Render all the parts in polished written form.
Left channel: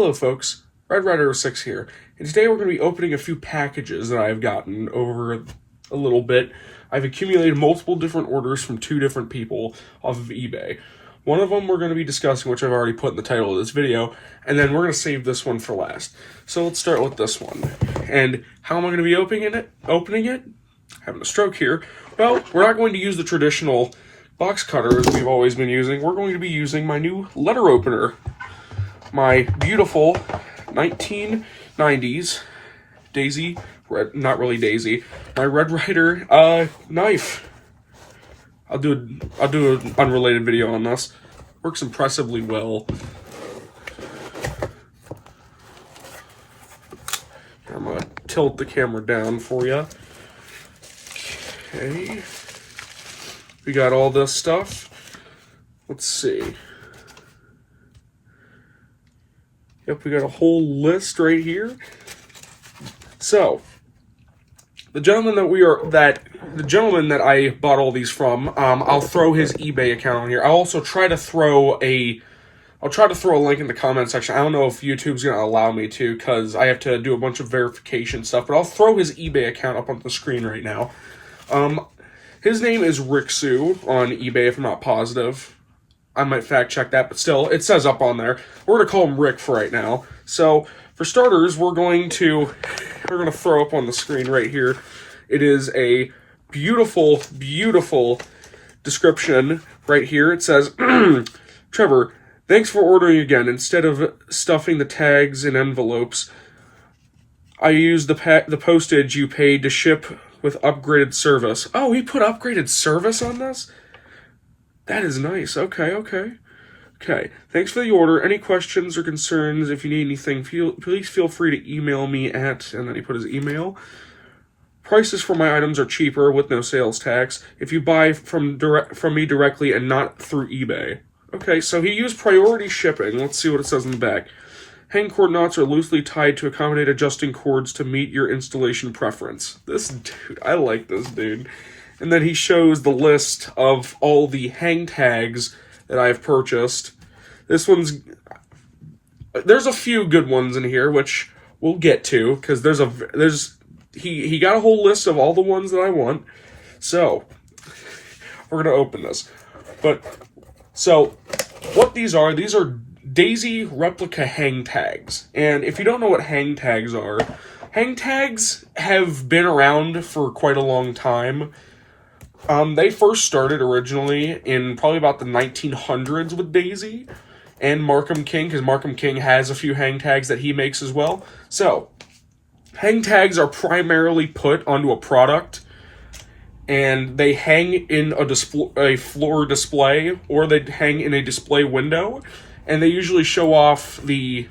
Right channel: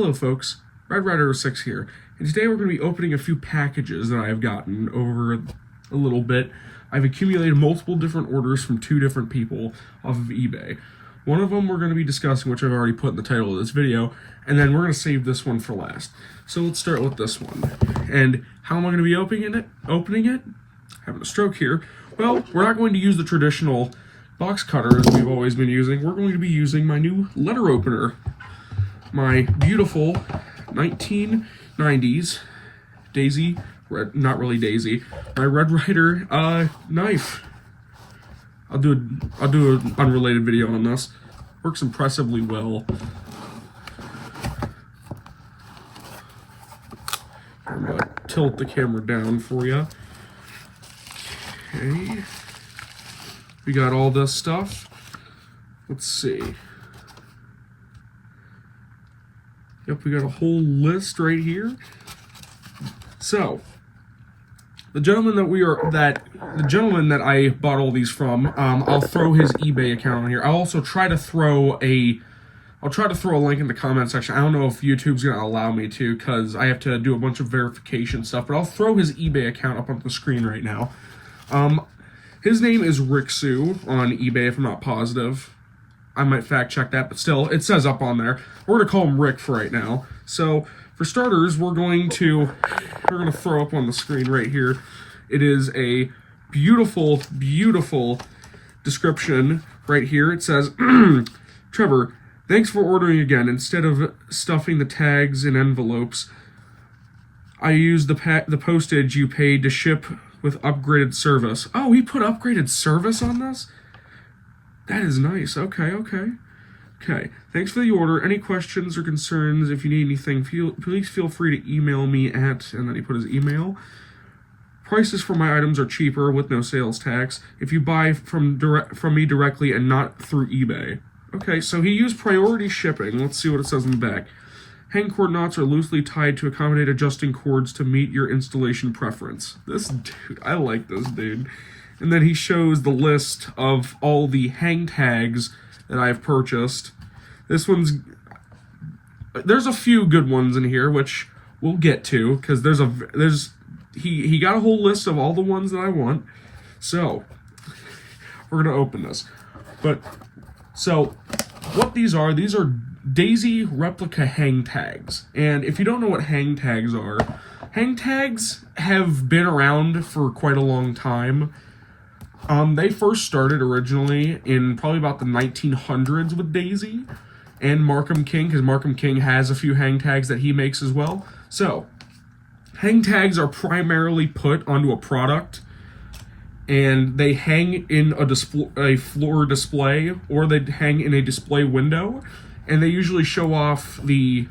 Hello folks, Ryder 6 here, and today we're going to be opening a few packages that I've gotten over a little bit. I've accumulated multiple different orders from 2 different people off of eBay. One of them we're going to be discussing, which I've already put in the title of this video, and then we're going to save this one for last. So let's start with this one. And how am I going to be opening it? Having a stroke here. Well, we're not going to use the traditional box cutter as we've always been using. We're going to be using my new letter opener. My beautiful 1990s Daisy, not really Daisy, my Red Ryder knife. I'll do an unrelated video on this. Works impressively well. I'm gonna tilt the camera down for you. Okay. We got all this stuff. Let's see. Yep, we got a whole list right here. So, the gentleman that I bought all these from, I'll throw his eBay account on here. I'll also try to throw a link in the comment section. I don't know if YouTube's gonna allow me to, because I have to do a bunch of verification stuff, but I'll throw his eBay account up on the screen right now. His name is Ricksu on eBay, if I'm not positive. I might fact check that, but still, it says up on there. We're gonna call him Rick for right now. So, for starters, we're gonna throw up on the screen right here. It is a beautiful, beautiful description right here. It says, Trevor, thanks for ordering again. Instead of stuffing the tags in envelopes, I used the postage you paid to ship with upgraded service. Oh, he put upgraded service on this? That is nice. Okay. Thanks for the order. Any questions or concerns? If you need anything, please feel free to email me at, and then he put his email. Prices for my items are cheaper with no sales tax if you buy from me directly and not through eBay. Okay, so he used priority shipping. Let's see what it says in the back. Hang cord knots are loosely tied to accommodate adjusting cords to meet your installation preference. This dude, I like this dude. And then he shows the list of all the hang tags that I've purchased. There's a few good ones in here, which we'll get to, because he got a whole list of all the ones that I want. So, we're gonna open this. So, what these are Daisy replica hang tags. And if you don't know what hang tags are, hang tags have been around for quite a long time. They first started originally in probably about the 1900s with Daisy and Markham King, because Markham King has a few hang tags that he makes as well. So, hang tags are primarily put onto a product, and they hang in a floor display, or they hang in a display window, and they usually show off the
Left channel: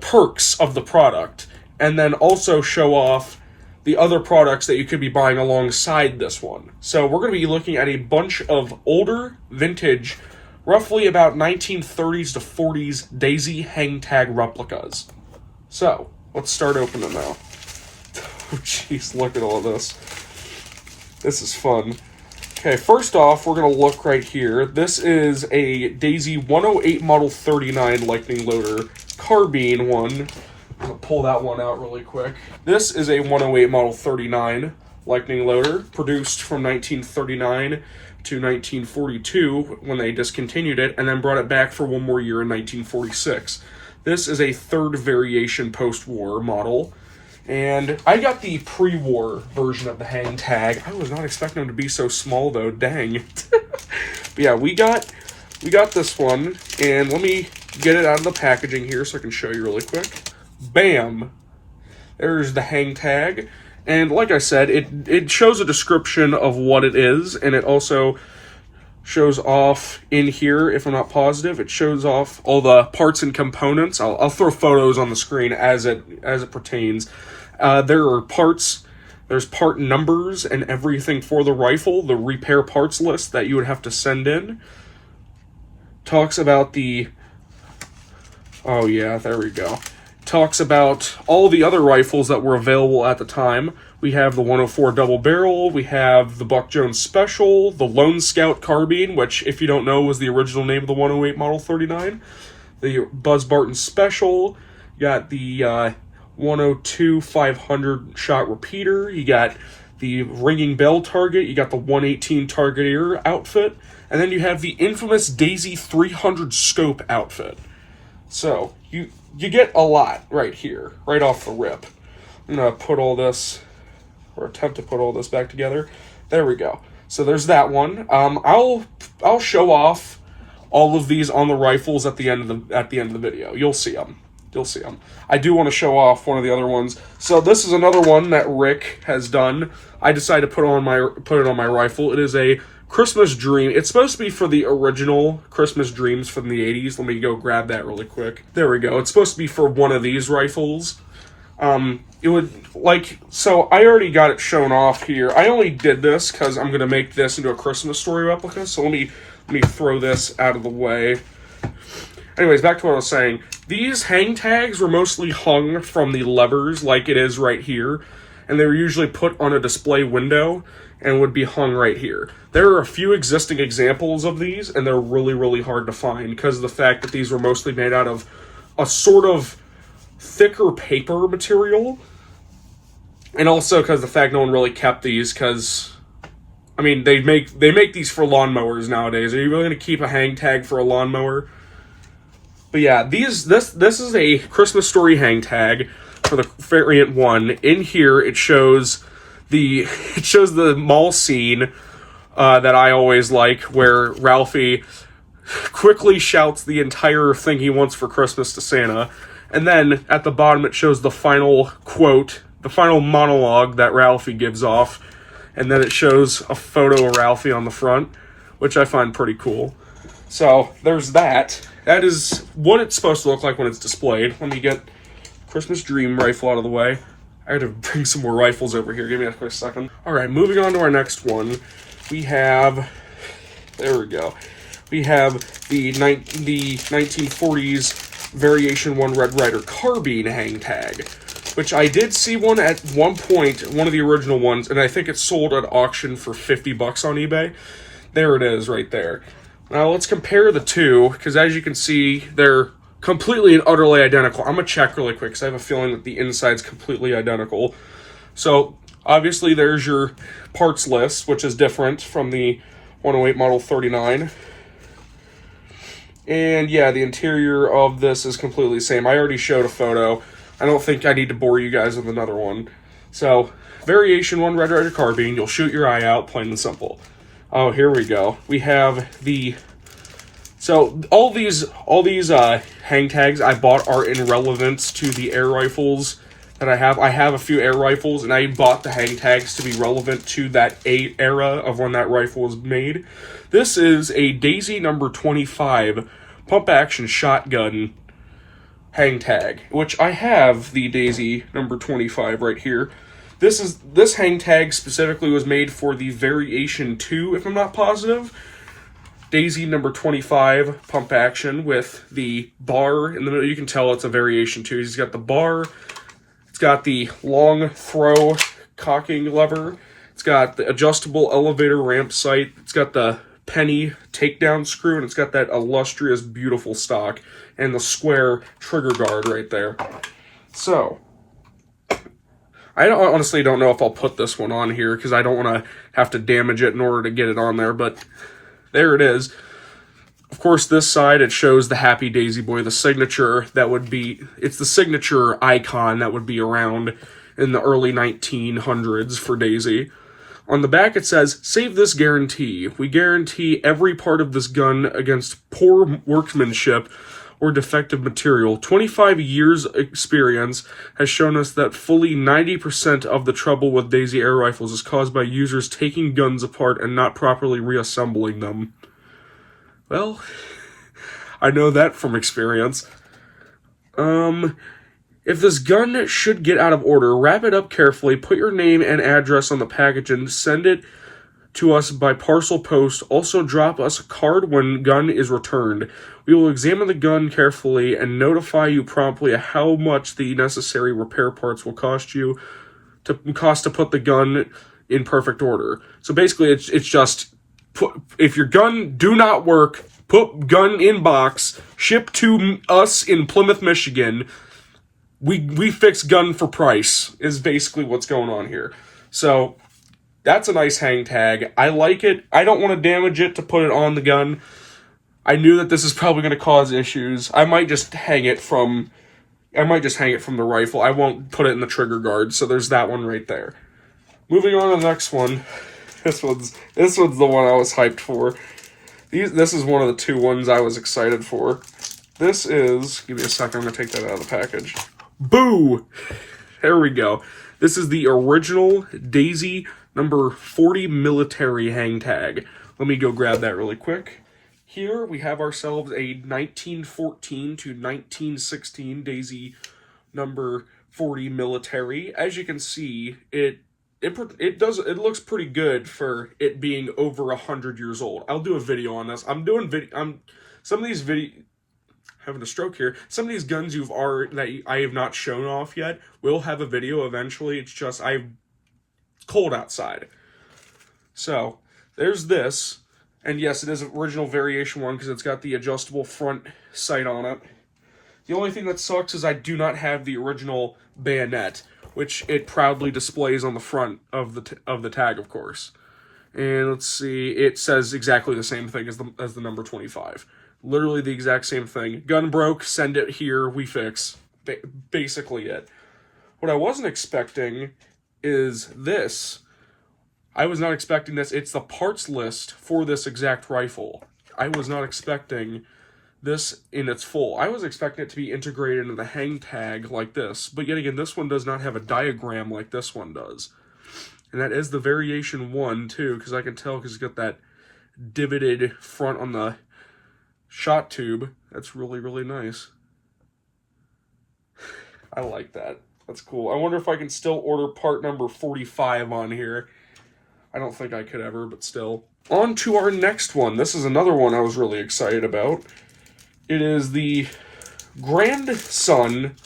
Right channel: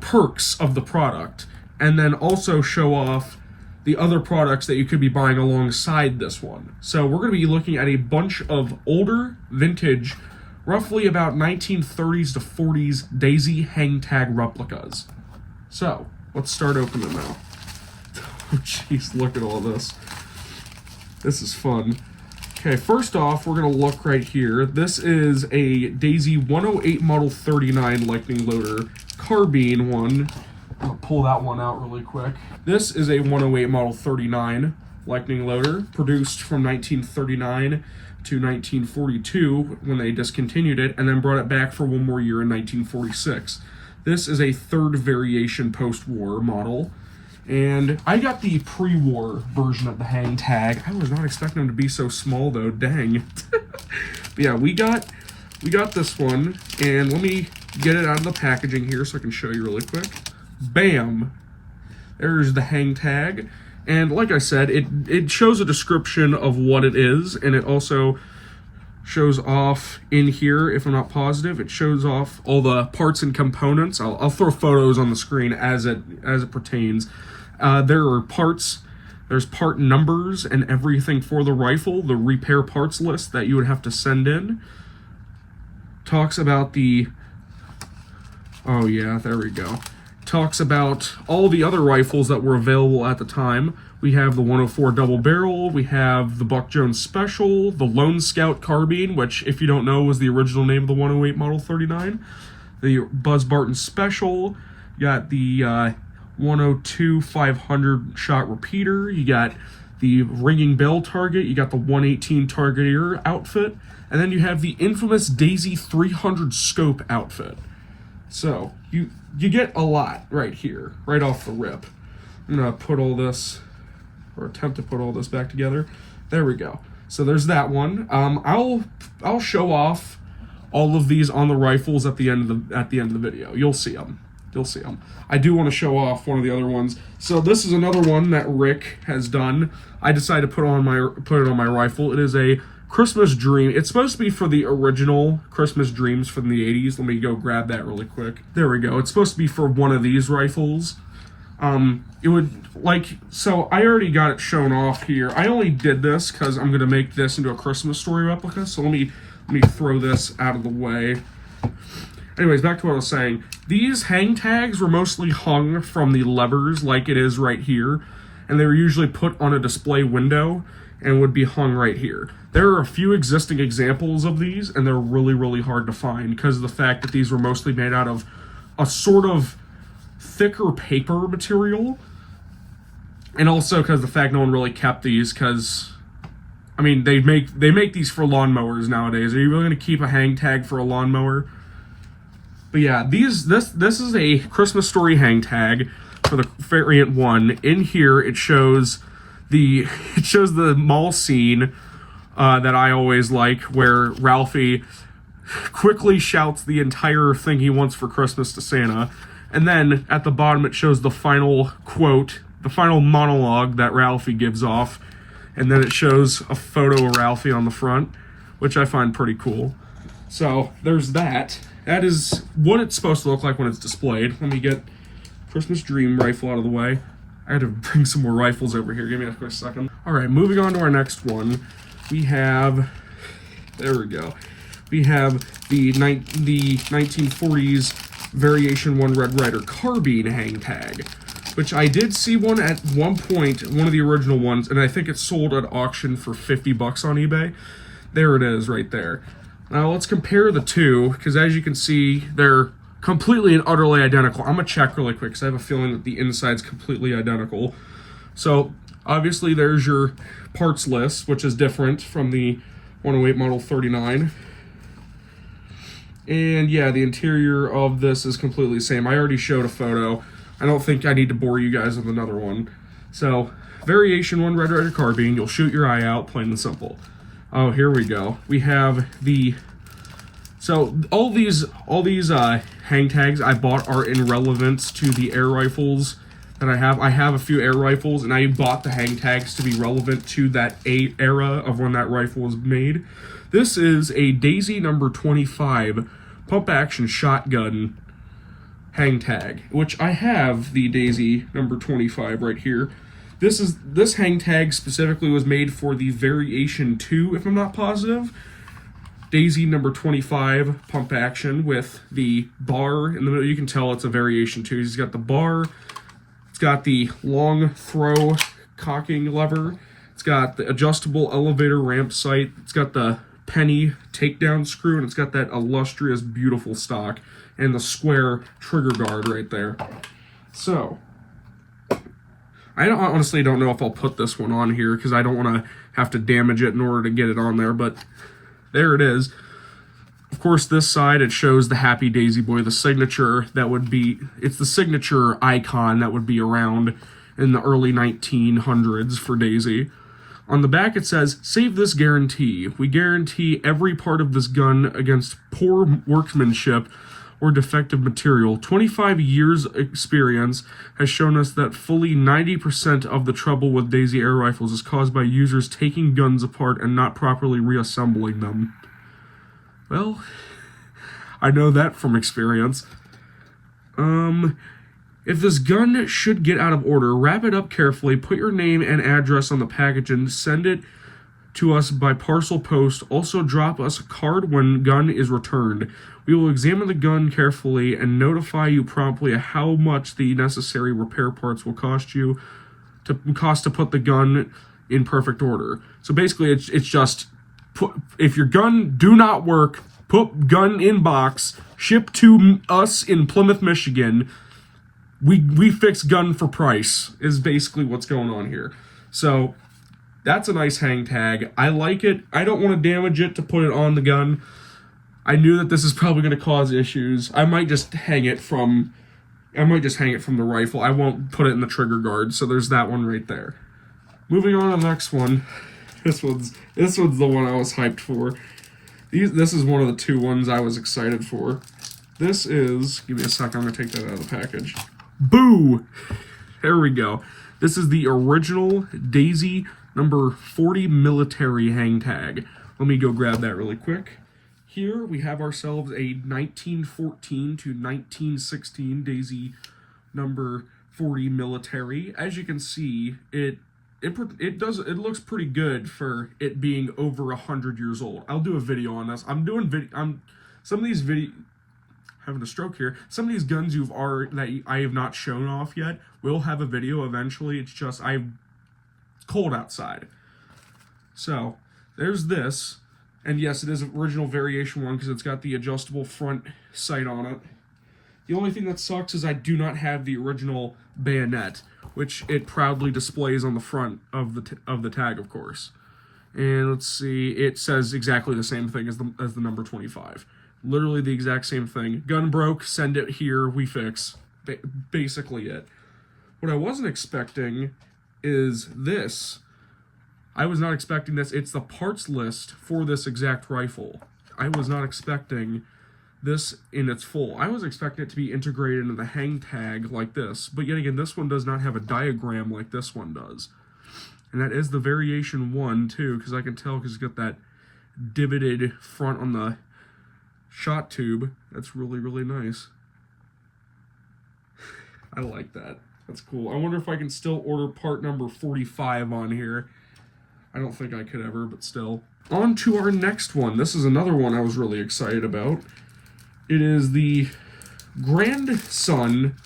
perks of the product, and then also show off the other products that you could be buying alongside this one. So we're going to be looking at a bunch of older, vintage, roughly about 1930s to 40s Daisy hang tag replicas. So, let's start opening now. Oh jeez, look at all this. This is fun. Okay, first off, we're going to look right here. This is a Daisy 108 Model 39 Lightning Loader carbine one. I'm going to pull that one out really quick. This is a 108 Model 39 Lightning Loader, produced from 1939 to 1942 when they discontinued it, and then brought it back for one more year in 1946. This is a third variation post-war model, and I got the pre-war version of the hang tag. I was not expecting them to be so small though, dang. But yeah, we got this one, and let me get it out of the packaging here so I can show you really quick. Bam! There's the hang tag, and like I said, it shows a description of what it is, and it also shows off in here, if I'm not positive, it shows off all the parts and components. I'll throw photos on the screen as it pertains. There are parts, there's part numbers and everything for the rifle, the repair parts list that you would have to send in. Talks about oh yeah, there we go. Talks about all the other rifles that were available at the time. We have the 104 double barrel, we have the Buck Jones Special, the Lone Scout carbine, which, if you don't know, was the original name of the 108 Model 39. the Buzz Barton Special. You got the 102 500 shot repeater. You got the ringing bell target. You got the 118 target outfit. And then you have the infamous Daisy 300 scope outfit. So, you get a lot right here, right off the rip. I'm going to put all this, or attempt to put all this back together. There we go. So there's that one. I'll show off all of these on the rifles at the end of the video. You'll see them. I do want to show off one of the other ones. So this is another one that Rick has done. I decided to put it on my rifle. It is a Christmas Dream. It's supposed to be for the original Christmas Dreams from the 80s. Let me go grab that really quick. There we go. It's supposed to be for one of these rifles. It would, so I already got it shown off here. I only did this because I'm going to make this into a Christmas Story replica. So let me throw this out of the way. Anyways, back to what I was saying. These hang tags were mostly hung from the levers like it is right here. And they were usually put on a display window and would be hung right here. There are a few existing examples of these, and they're really, really hard to find because of the fact that these were mostly made out of a sort of thicker paper material. And also because the fact no one really kept these because, I mean, they make these for lawnmowers nowadays. Are you really going to keep a hang tag for a lawnmower? But yeah, this is a Christmas Story hang tag for the variant 1. In here, it shows the mall scene that I always like, where Ralphie quickly shouts the entire thing he wants for Christmas to Santa, and then at the bottom it shows the final quote, the final monologue that Ralphie gives off, and then it shows a photo of Ralphie on the front, which I find pretty cool. So there's that. That is what it's supposed to look like when it's displayed. Let me get Christmas Dream rifle out of the way. I had to bring some more rifles over here. Give me a quick second. All right, moving on to our next one. We have, there we go. We have the 1940s Variation 1 Red Ryder carbine hang tag, which I did see one at one point, one of the original ones, and I think it's sold at auction for $50 on eBay. There it is right there. Now let's compare the two, because as you can see, they're completely and utterly identical. I'm going to check really quick, because I have a feeling that the inside's completely identical. So, obviously, there's your parts list, which is different from the 108 Model 39. And yeah, the interior of this is completely the same. I already showed a photo. I don't think I need to bore you guys with another one. So, Variation 1 Red Ryder carbine, you'll shoot your eye out, plain and simple. Oh, here we go. We have the... So, all these hang tags I bought are in relevance to the air rifles that I have. I have a few air rifles, and I bought the hang tags to be relevant to that era of when that rifle was made. This is a Daisy number 25 pump-action shotgun hang tag, which I have the Daisy number 25 right here. This hang tag specifically was made for the Variation 2, if I'm not positive. Daisy number 25 pump action with the bar in the middle. You can tell it's a Variation 2. It's got the bar. It's got the long throw cocking lever. It's got the adjustable elevator ramp sight. It's got the penny takedown screw, and it's got that illustrious, beautiful stock and the square trigger guard right there. So, I honestly don't know if I'll put this one on here because I don't want to have to damage it in order to get it on there, but there it is. Of course, this side, it shows the Happy Daisy Boy, the signature that would be, it's the signature icon that would be around in the early 1900s for Daisy. On the back, it says, "Save this guarantee. We guarantee every part of this gun against poor workmanship or defective material. 25 years experience has shown us that fully 90% of the trouble with Daisy air rifles is caused by users taking guns apart and not properly reassembling them." Well, I know that from experience. If this gun should get out of order, wrap it up carefully, put your name and address on the package, and send it to us by parcel post. Also, drop us a card when gun is returned. We will examine the gun carefully and notify you promptly of how much the necessary repair parts will cost to put the gun in perfect order. So basically, it's just if your gun do not work, put gun in box, ship to us in Plymouth, Michigan. We fix gun for price is basically what's going on here. So that's a nice hang tag. I like it. I don't want to damage it to put it on the gun. I knew that this is probably going to cause issues. I might just hang it from the rifle. I won't put it in the trigger guard. So there's that one right there. Moving on to the next one. This one's the one I was hyped for. This is one of the two ones I was excited for. This is, give me a second, I'm going to take that out of the package. Boo! There we go. This is the original Daisy number 40 military hang tag. Let me go grab that really quick. Here we have ourselves a 1914 to 1916 Daisy number 40 military. As you can see, it looks pretty good for it being over 100 years old. I'll do a video on this. Some of these having a stroke here. Some of these guns that I have not shown off yet will have a video eventually. It's just it's cold outside. So there's this, and yes, it is an original variation one because it's got the adjustable front sight on it. The only thing that sucks is I do not have the original bayonet, which it proudly displays on the front of the tag, of course. And let's see, it says exactly the same thing as the number 25. Literally the exact same thing. Gun broke, send it here, we fix. Basically it. What I wasn't expecting is this. I was not expecting this. It's the parts list for this exact rifle. I was not expecting this in its full. I was expecting it to be integrated into the hang tag like this, but yet again, this one does not have a diagram like this one does. And that is the variation one too, because I can tell because it's got that divoted front on the shot tube. That's really, really nice. I like that. That's cool. I wonder if I can still order part number 45 on here. I don't think I could ever, but still. On to our next one. This is another one I was really excited about. It is the grandson,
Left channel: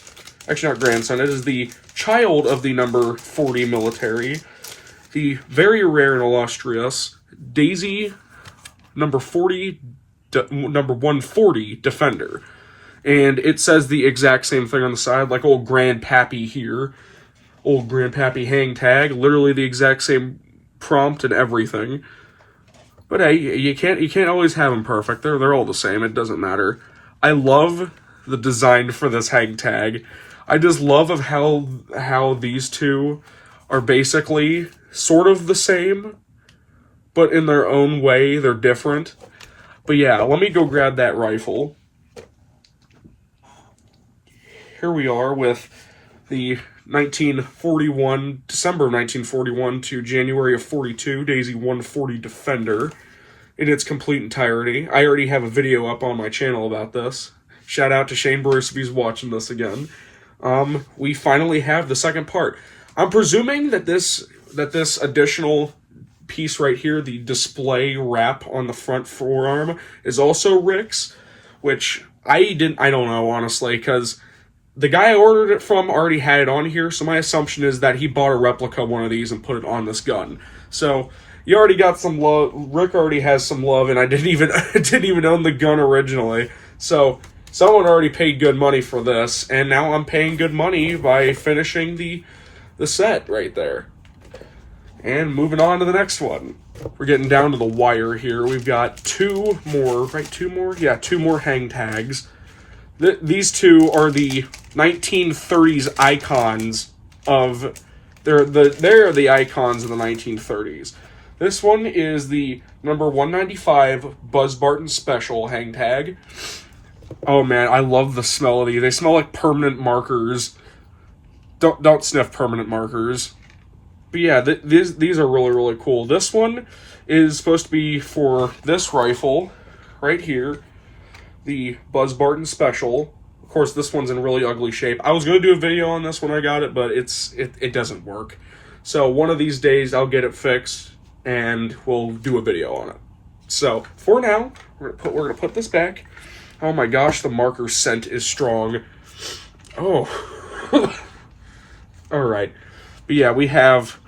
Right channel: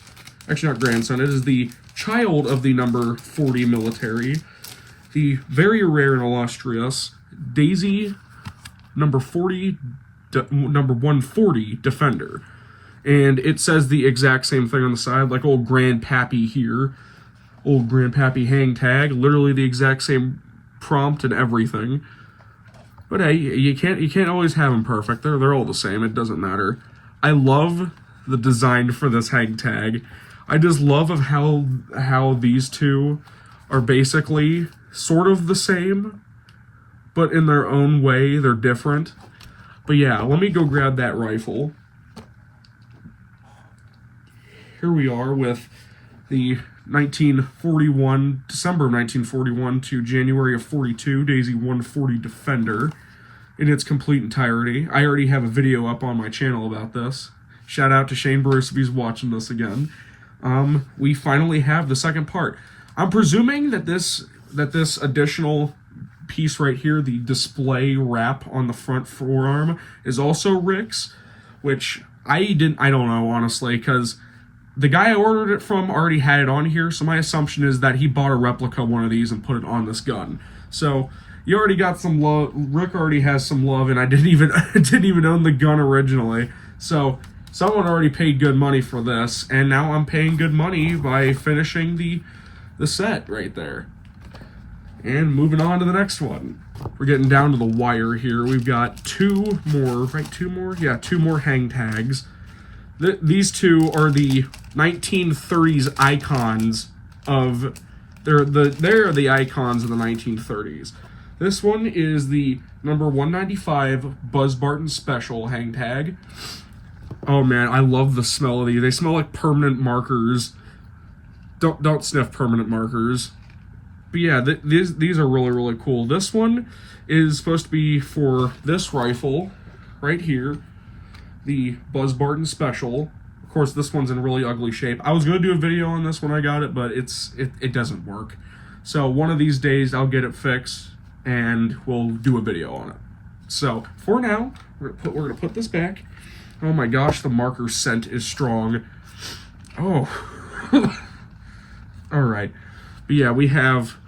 actually not grandson, it is the child of the number 40 military, the very rare and illustrious Daisy number 140 Defender. And it says the exact same thing on the side, like old Grandpappy here. Old Grandpappy hang tag, literally the exact same prompt and everything. But hey, you can't always have them perfect. They're all the same. It doesn't matter. I love the design for this hang tag. I just love of how these two are basically sort of the same, but in their own way, they're different. But yeah, let me go grab that rifle. Here we are with the 1941, December of 1941 to January of 42, Daisy 140 Defender in its complete entirety. I already have a video up on my channel about this. Shout out to Shane Bruce if he's watching this again. We finally have the second part. I'm presuming that this additional piece right here, the display wrap on the front forearm, is also Rick's, which I don't know, honestly, because the guy I ordered it from already had it on here, so my assumption is that he bought a replica one of these and put it on this gun. So you already got some love. Rick already has some love, and I didn't even own the gun originally. So someone already paid good money for this, and now I'm paying good money by finishing the set right there. And moving on to the next one. We're getting down to the wire here. We've got two more hang tags. These two are the 1930s icons of... They're the icons of the 1930s. This one is the number 195 Buzz Barton Special hang tag. Oh man, I love the smell of these. They smell like permanent markers. Don't sniff permanent markers. But yeah, these are really, really cool. This one is supposed to be for this rifle right here, the Buzz Barton Special. Of course, this one's in really ugly shape. I was going to do a video on this when I got it, but it doesn't work. So one of these days, I'll get it fixed, and we'll do a video on it. So for now, we're gonna put this back. Oh my gosh, the marker scent is strong. Oh. All right. But yeah, we have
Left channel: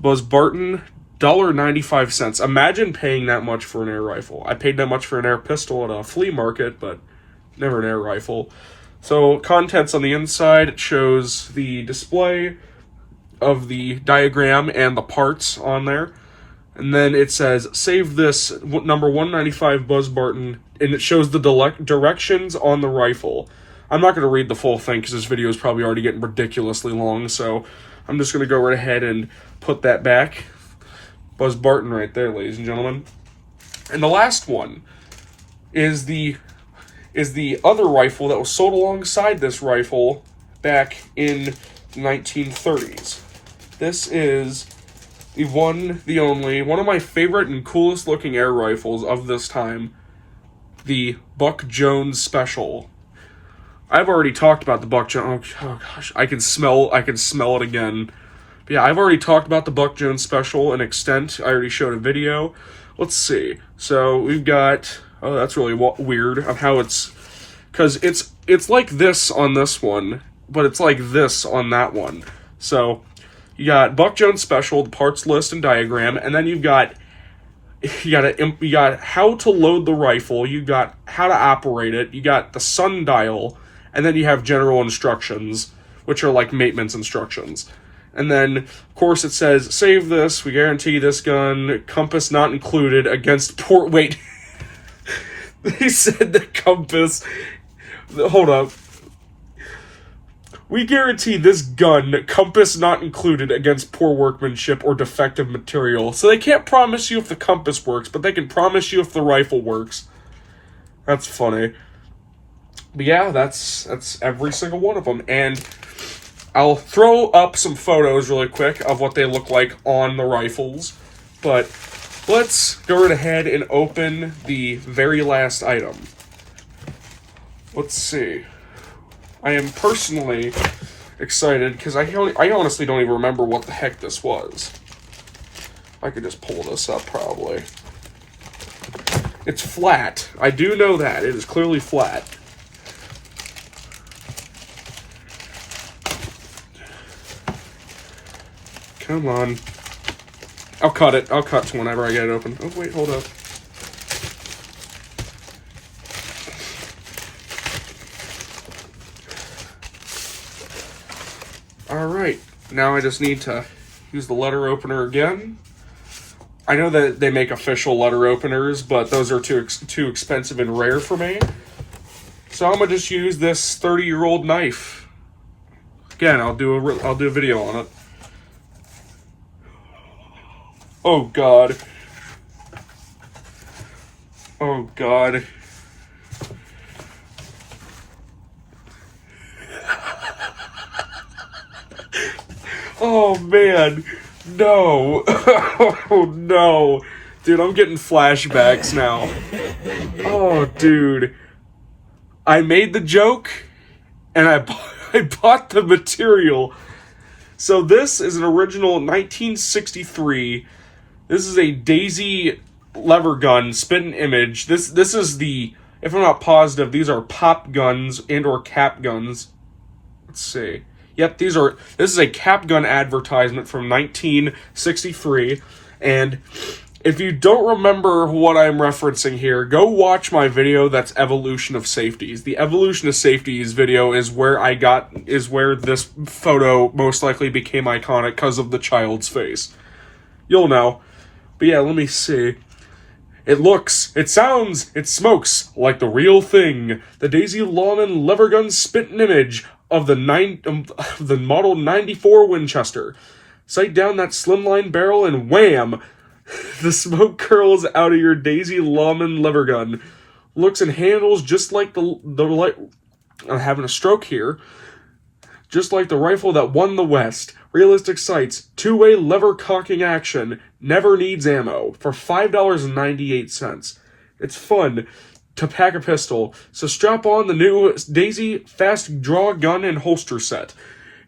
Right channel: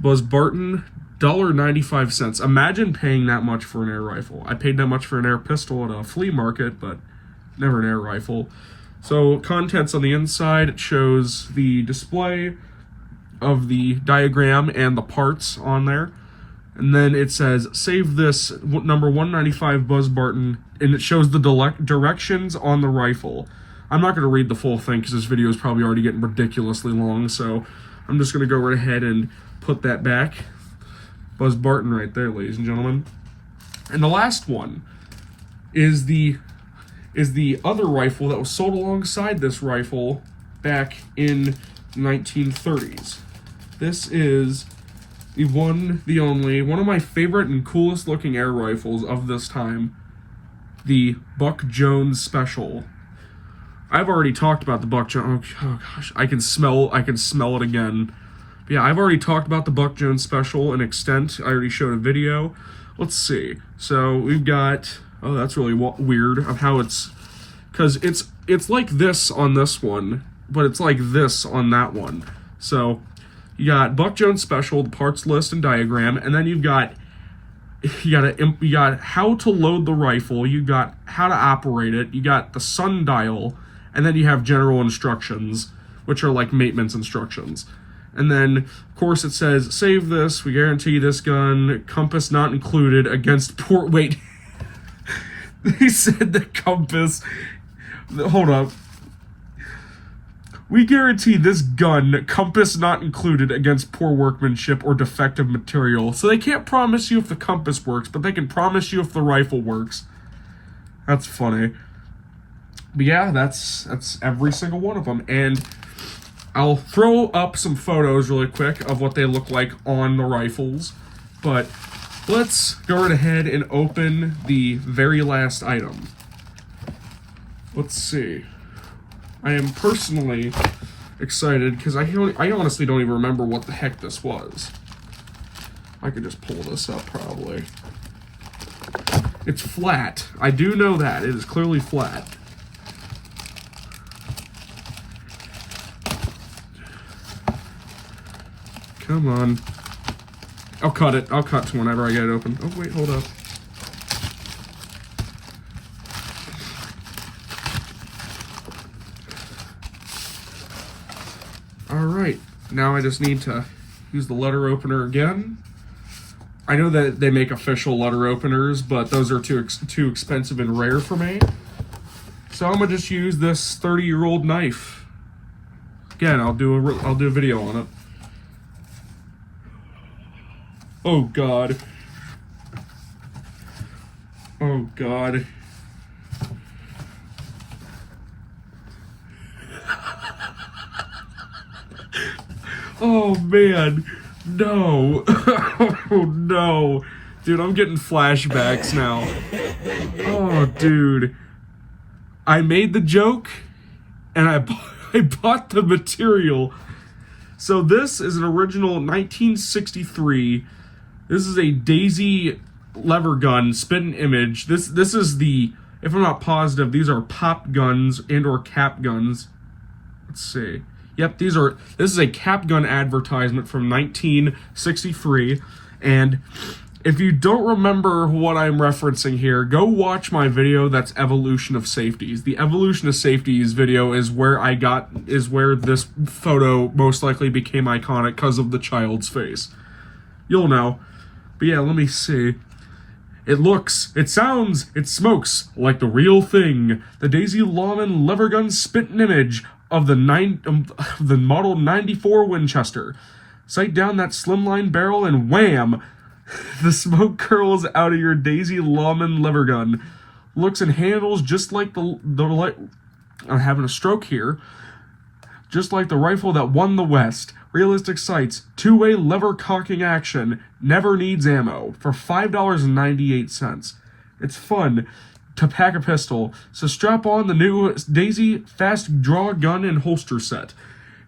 Buzz Barton $1.95. Imagine paying that much for an air rifle. I paid that much for an air pistol at a flea market, but never an air rifle. So, contents on the inside, it shows the display of the diagram and the parts on there. And then it says, save this number 195 Buzz Barton, and it shows the directions on the rifle. I'm not going to read the full thing because this video is probably already getting ridiculously long, so I'm just going to go right ahead and put that back. Buzz Barton right there, ladies and gentlemen. And the last one is the other rifle that was sold alongside this rifle back in the 1930s. This is the one, the only, one of my favorite and coolest looking air rifles of this time, the Buck Jones Special. I've already talked about the Buck Jones. Oh gosh, I can smell it again. But yeah, I've already talked about the Buck Jones Special in extent. I already showed a video. Let's see. So we've got. Oh, that's really weird of how it's, because it's like this on this one, but it's like this on that one. So you got Buck Jones Special, the parts list and diagram, and then you got how to load the rifle, you got how to operate it, you got the sundial, and then you have general instructions, which are like maintenance instructions. And then, of course, it says, save this, we guarantee this gun, compass not included, against port weight. They said the compass. Hold up. We guarantee this gun, compass not included, against poor workmanship or defective material. So they can't promise you if the compass works, but they can promise you if the rifle works. That's funny. But yeah, that's every single one of them. And I'll throw up some photos really quick of what they look like on the rifles. But let's go right ahead and open the very last item. Let's see. I am personally excited because I honestly don't even remember what the heck this was. I could just pull this up probably. It's flat. I do know that. It is clearly flat. Come on. I'll cut it. I'll cut to whenever I get it open. Oh, wait, hold up. Alright, now I just need to use the letter opener again. I know that they make official letter openers, but those are too expensive and rare for me. So I'm going to just use this 30-year-old knife. Again, I'll do a video on it. Oh God. Oh God. Oh man. No. Oh no. Dude, I'm getting flashbacks now. Oh dude. I made the joke and I bought the material. So this is an original 1963. This is a Daisy lever gun, spit and image. This is the, if I'm not positive, these are pop guns and or cap guns. Let's see. Yep, this is a cap gun advertisement from 1963. And if you don't remember what I'm referencing here, go watch my video that's Evolution of Safeties. The Evolution of Safeties video is where this photo most likely became iconic because of the child's face. You'll know. But yeah, let me see. It looks, it sounds, it smokes like the real thing. The Daisy Lawman lever gun spit and image of the model 94 Winchester. Sight down that slimline barrel and wham! The smoke curls out of your Daisy Lawman lever gun. Looks and handles just like I'm having a stroke here. Just like the rifle that won the West. Realistic sights, two-way lever cocking action, never needs ammo, for $5.98. It's fun to pack a pistol, so strap on the new Daisy Fast Draw Gun and Holster Set.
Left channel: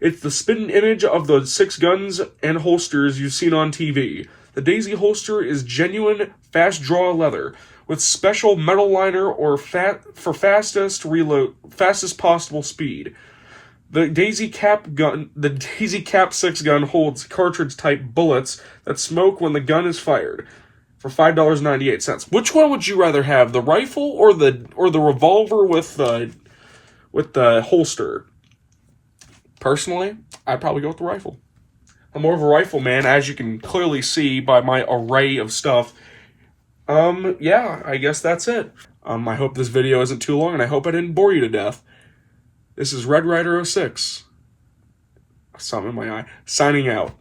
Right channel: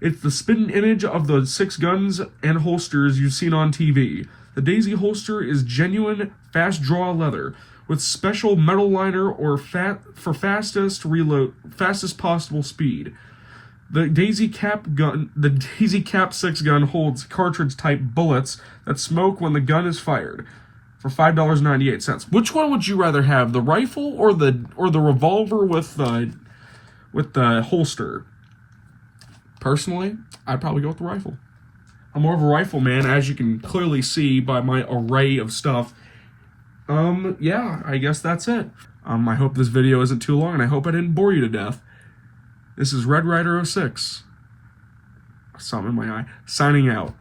It's the spin image of the 6 guns and holsters you've seen on TV. The Daisy holster is genuine fast draw leather, with special metal liner or for fastest possible speed. The Daisy Cap 6 gun holds cartridge-type bullets that smoke when the gun is fired for $5.98. Which one would you rather have, the rifle or the revolver with the holster? Personally, I'd probably go with the rifle. I'm more of a rifle man, as you can clearly see by my array of stuff. Yeah, I guess that's it. I hope this video isn't too long, and I hope I didn't bore you to death. This is Red Ryder 06. Something in my eye. Signing out.